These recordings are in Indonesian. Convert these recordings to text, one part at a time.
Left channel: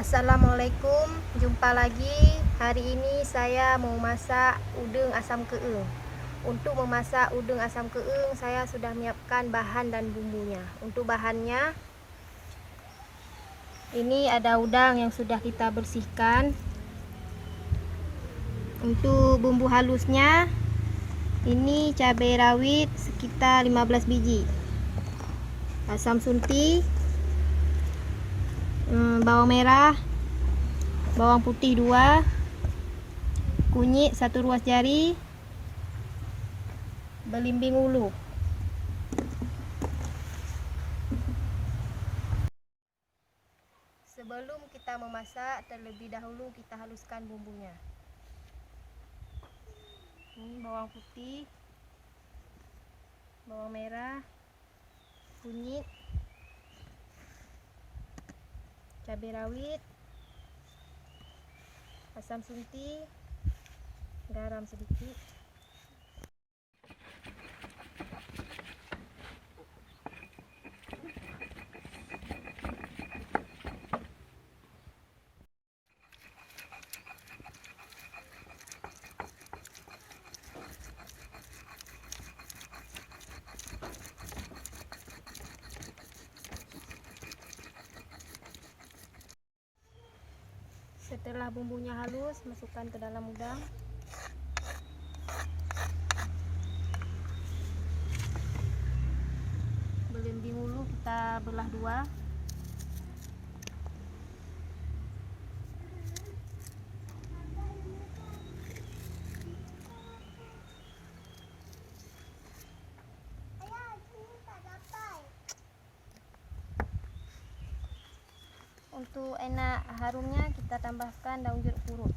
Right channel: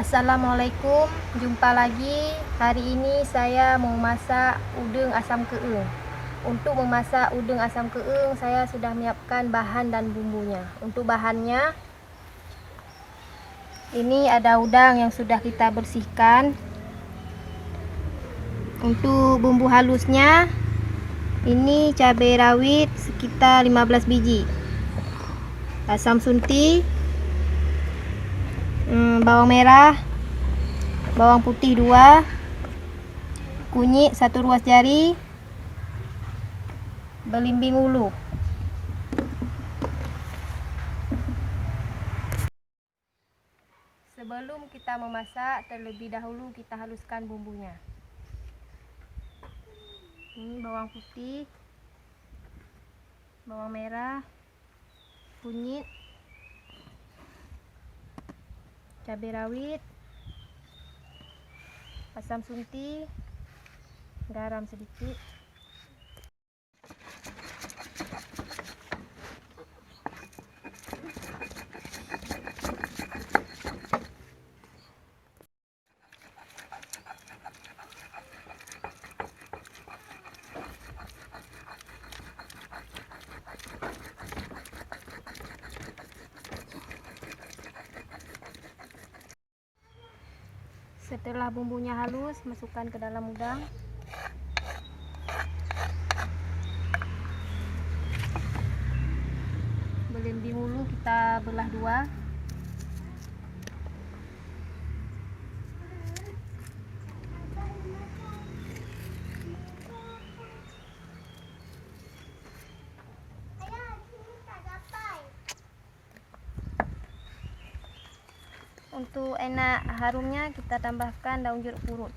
Assalamualaikum, jumpa lagi. Hari ini saya mau masak udang asam keeng. Untuk memasak udang asam keeng, saya sudah menyiapkan bahan dan bumbunya. Untuk bahannya, ini ada udang yang sudah kita bersihkan. Untuk bumbu halusnya, ini cabai rawit sekitar 15 biji, asam sunti, bawang merah, bawang putih 2, kunyit 1 ruas jari, belimbing ulu. Sebelum kita memasak, terlebih dahulu kita haluskan bumbunya. Ini bawang putih, bawang merah, kunyit, cabai rawit, asam sunti, garam sedikit. Setelah bumbunya halus, masukkan ke dalam udang. Belimbing ulu kita belah 2. Untuk enak harumnya, kita tambahkan daun jeruk purut.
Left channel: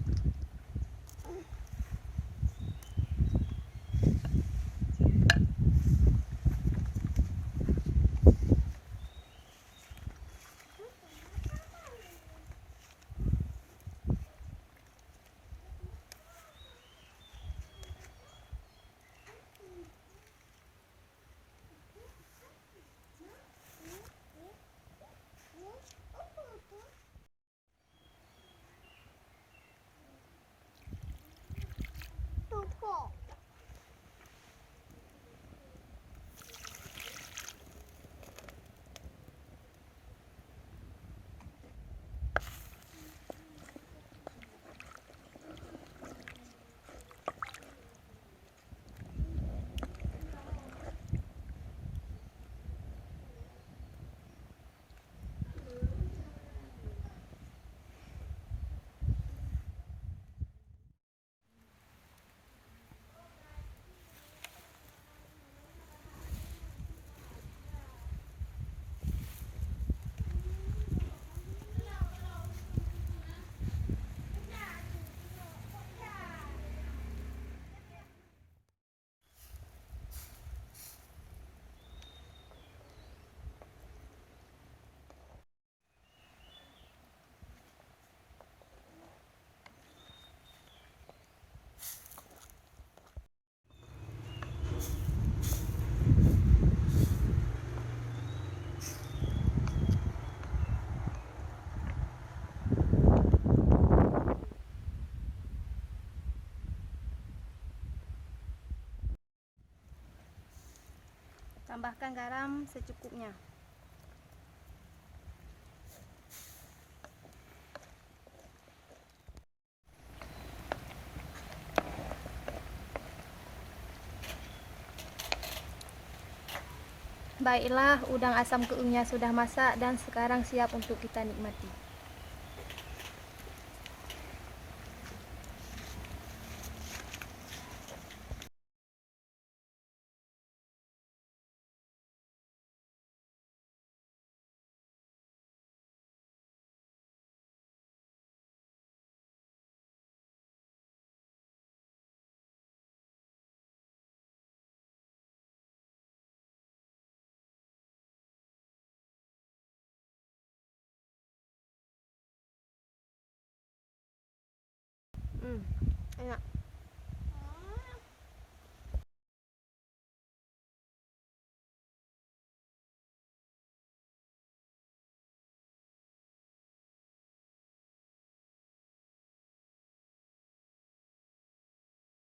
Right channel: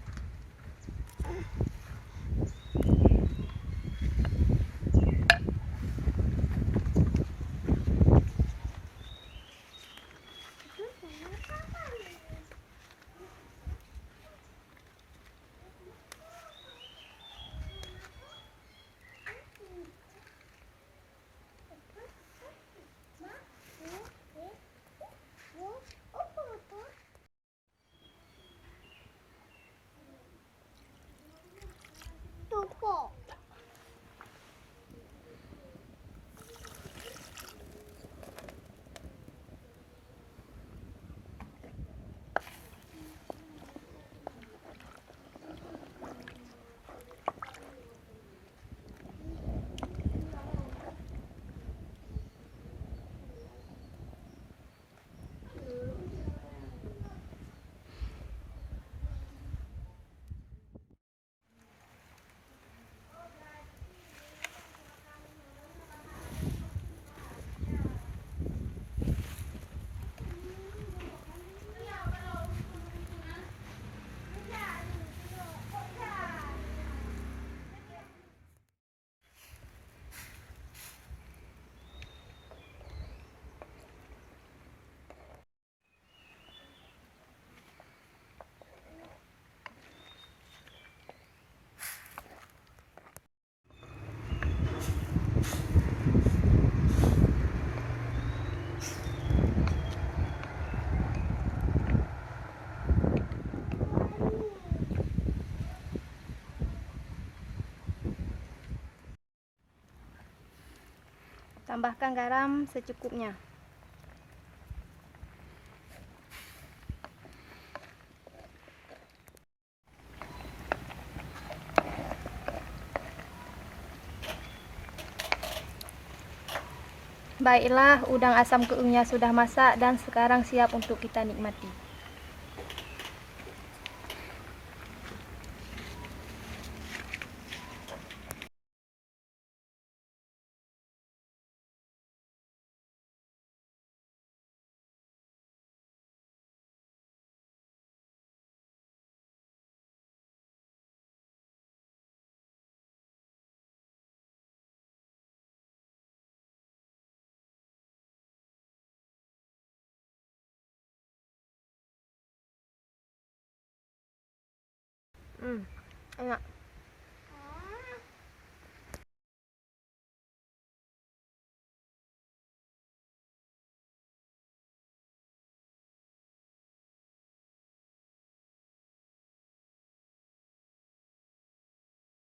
Tambahkan garam secukupnya. Baiklah, udang asam keengnya sudah masak dan sekarang siap untuk kita nikmati. Enak.